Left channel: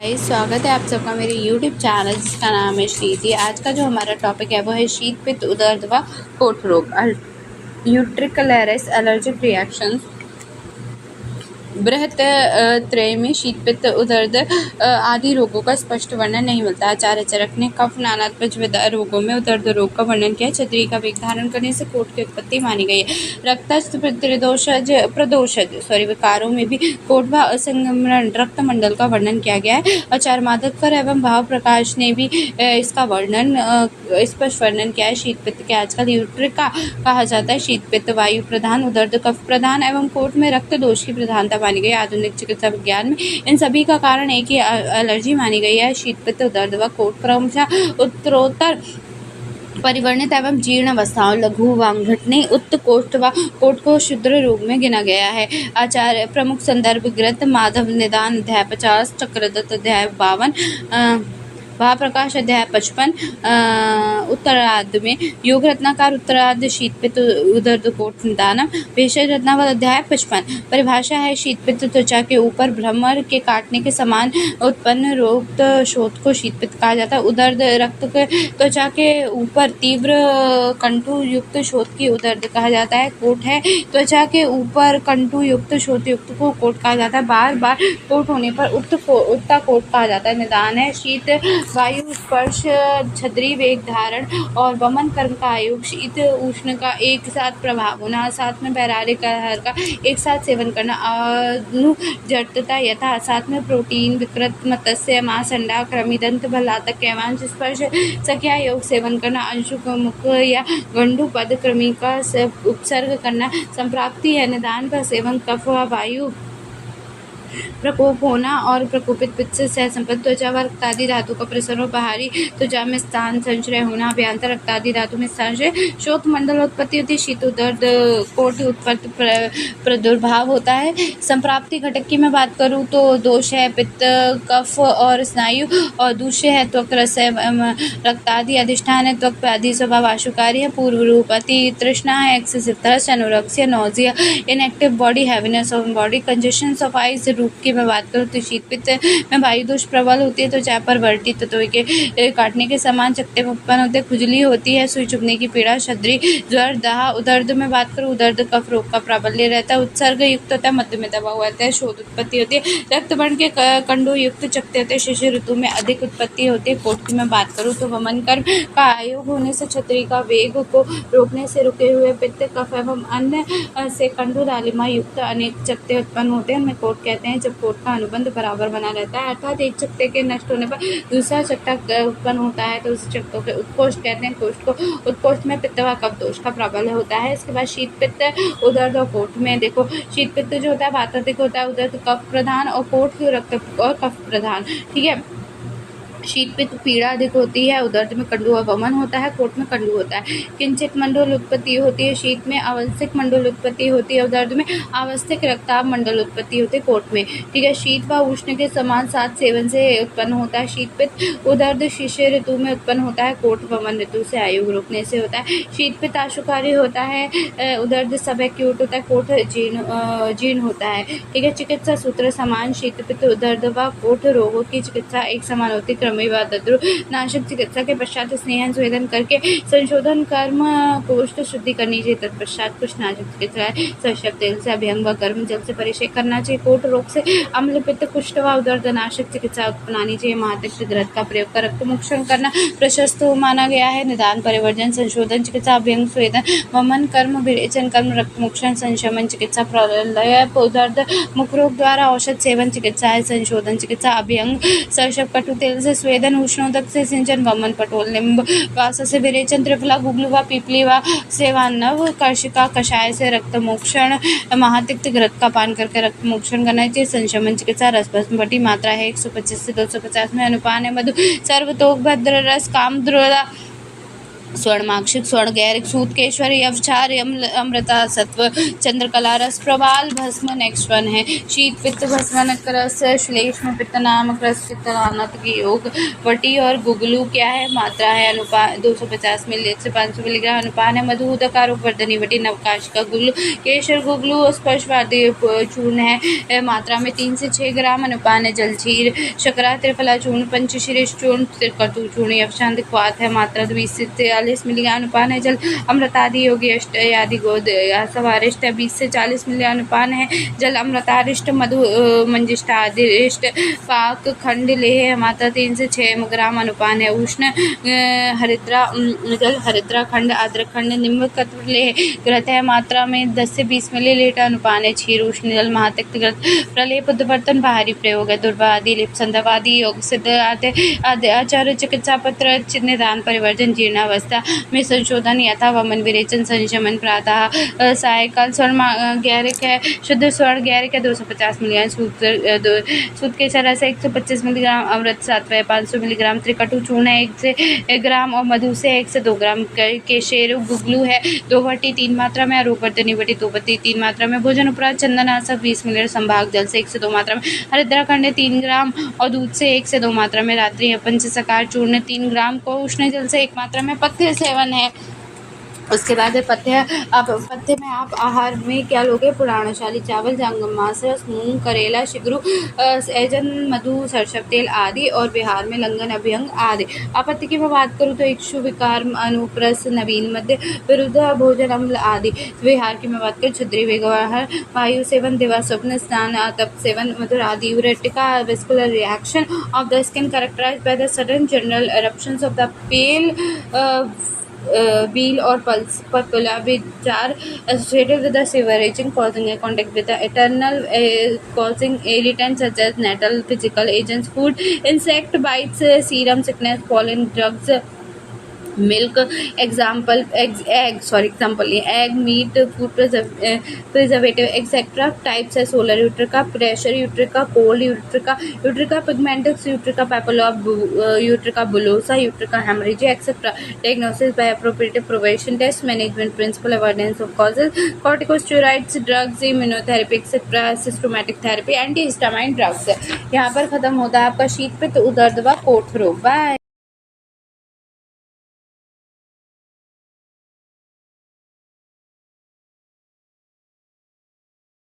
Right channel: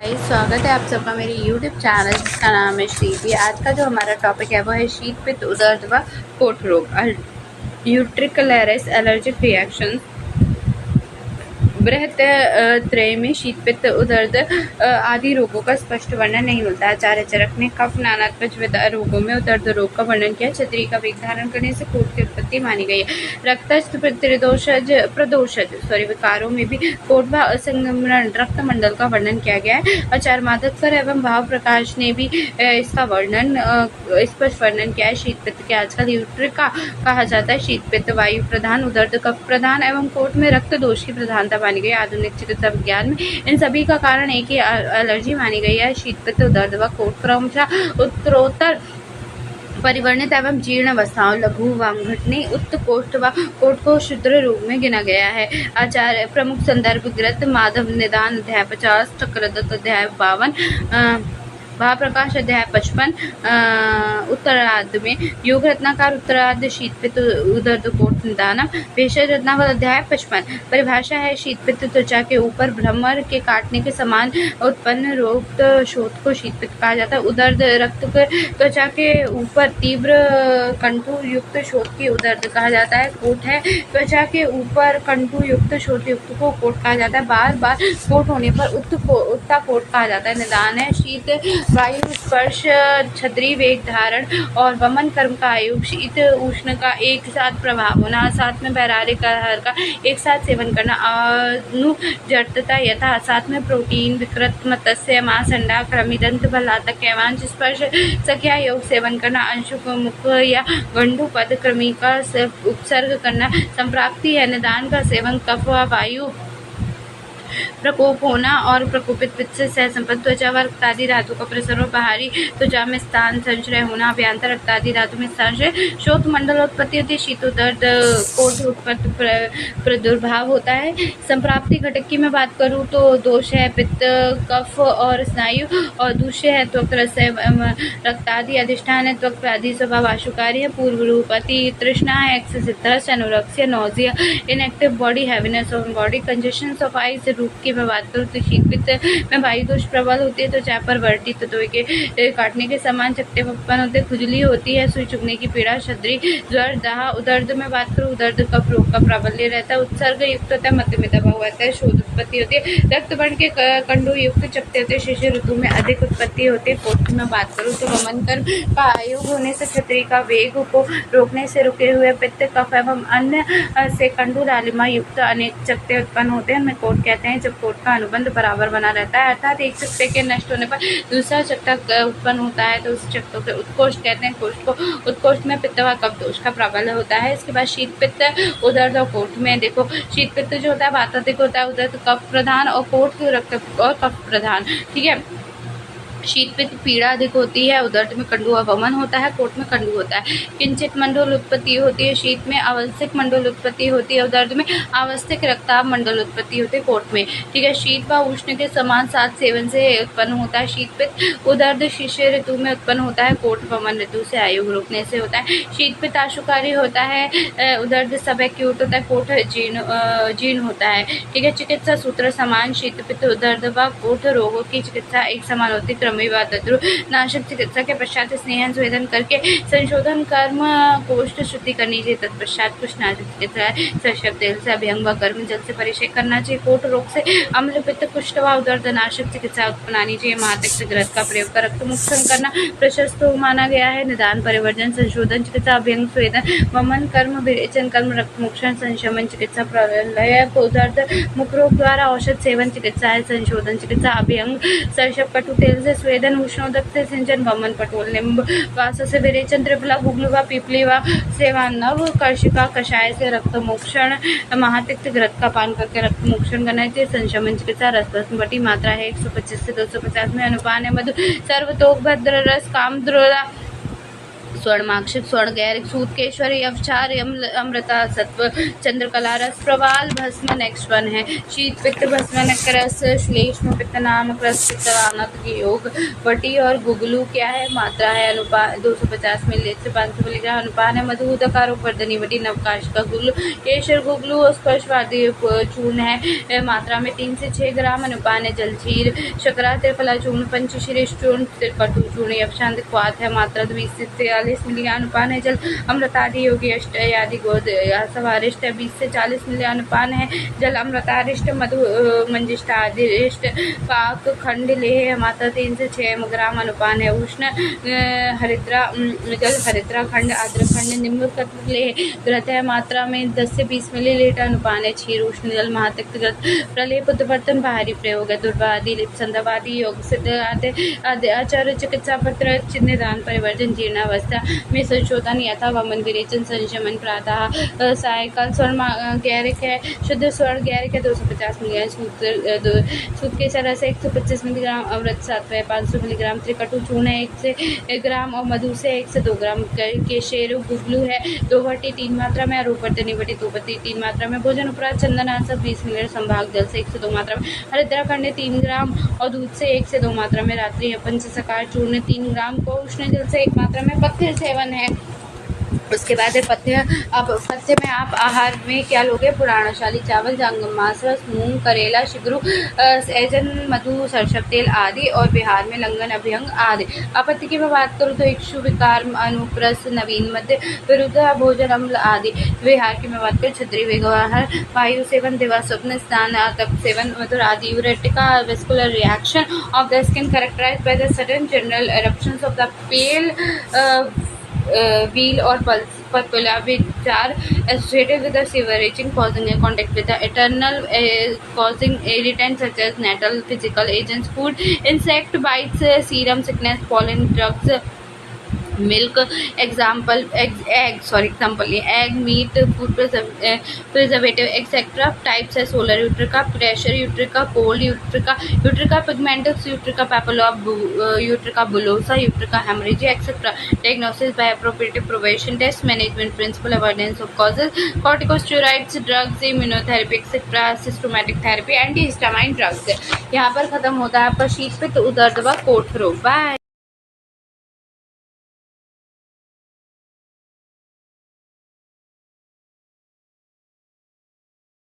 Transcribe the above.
स्वागत है आप सबका मेरे YouTube चैनल जिसका नाम है श्रीति। आज का जो हमारा टॉपिक है वो है शीत पित्त उदर्द व कोट रोग, यूट्रिकुलरिस एलर्जिक रिएक्शंस। बृहत त्रय में शीत पित्त उदर्द आदि रोगों का स्पष्ट वर्णन नहीं मिलता। आचार्य चरक ने कफ नानात्मज रोगों में उदर्द रोग का वर्णन किया। छतरी का वेग धारण करने से कोट की उत्पत्ति मानी गई है। रक्तस्थ प्रदोषज विकारों में भी कोट व असंगमन रक्त मंडल का वर्णन किया गया है। आचार्य माधवकर एवं भाव प्रकाश ने भी इसका वर्णन स्पष्ट वर्णन किया है। शीत पित्त के आजकल यूट्रिका कहा जाता है। शीत पित्त वायु प्रधान, उदर्द कफ प्रधान एवं कोट में रक्त दोष की प्रधानता मानी गई। आधुनिक चिकित्सा विज्ञान में इन सभी का कारण एक ही एलर्जी मानी गई है। शीत पित्त उदर्द व कोट क्रमशः उत्तरोत्तर परिवर्णित एवं जीर्ण अवस्थाओं लघु वांगघटनी उत्कोष्ठ व कोट को क्षुद्र रोग में गिना गया है। आचार्य प्रमुख संदर्भ ग्रंथ माधव निदान अध्याय 50, चक्रदत्त अध्याय 52, भाप्रकाश अध्याय 55, उत्तरार्ध में योग रत्नाकर उत्तरार्ध शीत पित्त उदर्द कोट निदानम, भेषज रत्नावल अध्याय 55। परिभाषा है शीत पित्त त्वचा के ऊपर भ्रमर के काटने के समान उत्पन्न रोक्त शोथ को शीत पित्त कहा जाता है। उदर्द रक्त त्वचा के ऊपर तीव्र कंटु युक्त शोथ की उदर्द कहा जाता है। कोट है त्वचा के ऊपर कंटु युक्त शोथ युक्त को कोट कहा जाता है। बार बार कोट होने पर उत्ता कोट कहा जाता है। निदान है शीत वायु स्पर्श छतरी वेग धारण और वमन कर्म का आयोग, शीत उष्ण का एक साथ प्रभाव होना, साथ में बहराले आहार का एक साथ सेवन करना, अनुजटता यथा साथ में प्रोटीन विकृत मत्स्य मांस अंडा कृमिदंत भलातक कैवांश स्पर्श सख्या योग सेवन करना, अंशुक मुख या गंडू पद कृमि का उपसर्ग करना संप्राप्ति है। निदान का सेवन कफ वायु प्रकोप होना और प्रकोपित पित्त से सहसंपन्न त्वचा व रक्तादि धातु का प्रसरण, बाहरी त्वचा में स्थान संचय होना, अभ्यंतर रक्तादि धातु में संचय, शोथ मंडलोत्पत्ति होती है। शीत उदर्द कोट उत्पत्ति प्रादुर्भाव होता है। संप्राप्ति घटक की मैं बात करूँ तो दोष है पित्त कफ और स्नायु, और दूसरे है त्वक रस रक्तादि, अधिष्ठान है त्वक आदि स्वभाव आशुकारी है। पूर्व रूप अति तृष्णा है, excessive thirst, anorexia, nausea, inactive body, heaviness of body, congestion of eyes. रूप की मैं बात करूँ तो शीत पित्त में वायु दोष प्रबल होती है, तो चाहे पर वर्टी तत्व के काटने के समान चकते उत्पन्न होते, खुजली होती है, सुई चुभने की पीड़ा, छद्री, ज्वर, दाह। उदर्द में बात करूँ, उदर्द कफ रोग का प्राबल्य रहता है, उत्सर्ग युक्त होता है, मध्य में दबा हुआ रहता है, शोध उत्पत्ति होती है, रक्त वर्ण के कंडू युक्त चकते होते हैं, शिशिर ऋतु में अधिक उत्पत्ति होती है। कोट की मैं बात करूँ तो वमन कर्म का आयोग होने से छतरी का वेग को रोकने से रुके हुए पित्त कफ एवं अन्य से कंडू लालिमा युक्त अनेक चकते उत्पन्न होते हैं। कोट कहते हैं जब कोट का अनुबंध बराबर बना रहता है, अर्थात एक चकते के नष्ट होने पर दूसरा चकता उत्पन्न होता है, तो उस चकतों के उत्कोष्ठ कहते हैं। कोष्ठ को उत्कोष्ठ में पित्त व कफ दोष का प्राबल्य होता है। इसके बाद शीत पित्त उदर्द और कोट में देखो, शीत पित्त जो होता है वातात्मक होता है, उदर्द कफ प्रधान और कोट रक्त और कफ प्रधान। ठीक है, शीत पित्त पीड़ा अधिक होती है, उदर्द में कंडू अवमन होता है, कोट में कंडू होता है। किंचित मंडल उत्पत्ति होती है, शीत में आवश्यक मंडल उत्पत्ति होती है, उदर्द में आवश्यक रक्ताभ मंडल उत्पत्ति होती है, कोट में। ठीक है, शीत व उष्ण के समान साथ सेवन से उत्पन्न होता है। शीत पित्त उदर्द शिशिर ऋतु में उत्पन्न होता है, कोट वमन ऋतु से आयोग रोकने से होता है। शीत पित्त आशुकारी होता है, उदर्द सब एक्यूट होता है, कोट जीर्ण होता है। ठीक है, चिकित्सा सूत्र समान, शीत पित्त उदर्द व कोट रोगों की चिकित्सा एक समान होती है। नाशक चिकित्सा के पश्चात स्नेहन स्वेदन करके संशोधन कर्म कोष्ठ शुद्धि करनी चाहिए। तत्पश्चात कुछ नाशक चिकित्सा सरसव तेल से अभ्यंग व गर्म जल से परिषेक करना चाहिए। कोट रोग से अम्ल पित्त कुष्ठ व उदर्द नाशक चिकित्सा अपनानी चाहिए। महातिक्त ग्रंथ का प्रयोग कर रक्त मोक्षण करना प्रशस्त माना गया है। निदान परिवर्जन संशोधन चिकित्सा अभ्यंग स्वेदन वमन कर्म विरेचन कर्म रक्त मोक्षण संशमन चिकित्सा प्रलय उदर्द मुख रोग द्वारा औषध सेवन चिकित्सा है। संशोधन चिकित्सा अभ्यंग सरसव कटु तेल से स्वेदन उष्णोदक से सिंचन वमन पटोल निम्ब वास से विरेचन त्रिफला गुग्लू व पीपली व सेवा नव कर्षिका कषाय से रक्त मोक्षण महातिक्त घृत का पान करके रक्त मोक्षण करना चाहिए। संशमन चिकित्सा रसभस्म बटी मात्रा है 125 से 250 में अनुपान है। मधु सर्वतोक भद्र रस काम द्रोदा स्वर्णमाक्षिक स्वर्ण गैरिक सूतकेश्वरी अवचार अमृता सत्व चंद्रकला रस प्रवाल भस्म नेक्स्ट वन है शीत पित्त भस्म रस श्लेष्म पित्त नामक रस पित्त के योग वटी और गुगलू क्या है मात्रा है अनुपान 250 मिली से 500 मिलीग्राम अनुपान है मधु उदकारोप वर्धनी वटी नवकाश का गुगलू केशर गुगलू स्पर्शवादी चूर्ण है मात्रा में 3 से 6 ग्राम अनुपान है जलचीर शकरा त्रिफला चूर्ण पंचशीरेश चूर्ण त्रिकटु चूर्ण अवशांत क्वाथ है मात्रा 20 से 40 मिलीग्राम अनुपान है जल अमृतादि योगी अष्ट आदि गोद सवारिष्ट 20 से 40 मिलीग्राम अनुपान है जल अमृतारिष्ट मधु मंजिष्टादिष्ट पाक खंड लेह मात्रा 3 से 6 ग्राम अनुपान है उष्ण हरिद्रा जल हरिद्रा खंड अदरक खंड निम्न कत्व लेह ग्रत है मात्रा में 10 से 20 मिलीलीटर अनुपान है क्षीर उष्ण जल महातक्त ग्रत प्रलेप उद्वर्तन बाहरी प्रयोग है दुर्वादि लिप संधवादि योग सिद्ध आचार्य चिकित्सा पत्र निदान परिवर्तन जीर्णावस्था में संशोधन यथा वमन विरेचन संशमन प्रातः सायकाल स्वर्ण गैरिक है शुद्ध स्वर्ण गैरिक है 250 मिलीग्राम सूत के सरस 125 मिलीग्राम अमृत सात्व 500 मिलीग्राम त्रिकटु चूर्ण है 1 से 1 ग्राम और मधु से 1 से 2 ग्राम केशेरु गुगलू है 2 बटी 3 मात्रा में आरोप वर्धनी बटी 2 बटी 3 मात्रा में भोजन उपरांत चंदनाशक 20 मिलीलीटर संभाग जल से 1 से 2 मात्रा में हरिद्रा खंड 3 ग्राम और दूध से 1 से 2 मात्रा में रात्रि पंचसकार चूर्ण 3 ग्राम को उष्ण जल से 1 मात्रा में पथ्य सेवन है। उसके बाद है पथ्य। अब पथ्य में आप आहार में क्या लोगे पुराणशाली चावल जंगम मांस रस मूंग करेला शिगरू सैजन मधु सरसव तेल आदि और बिहार में लंगन अभ्यंग आदि। आपत्ति की मैं बात करूँ तो इक्षु विकार अनुप्रस नवीन मध्य विरुद्ध भोजन अम्ल आदि। बिहार की मैं बात करूँ क्षत्रिय व्यवहार वायु सेवन दिवा स्वप्न स्नान तप सेवन मधुर आदि urticaria vascular reaction of the skin characterised by the sudden general eruptions of the pale wheel or pupilla which are associated with the severe itching causing a contact with the internal causing irritants such as nettle physical agents food insect bites serum sickness pollen drugs milk example egg meat food preservative etc types है solar utrica pressure utrica cold utrica pigmentosa utrica papilla utrica bullosa utrica hemorrhage etc diagnosis by appropriate prevention test management principle avoidance of causes corticosteroids drugs immunotherapy etc systematic therapy antihistamine drugs। यहाँ पर खत्म होता है आपका शीत पित्त उदर दवा कोठ रोग। बाय।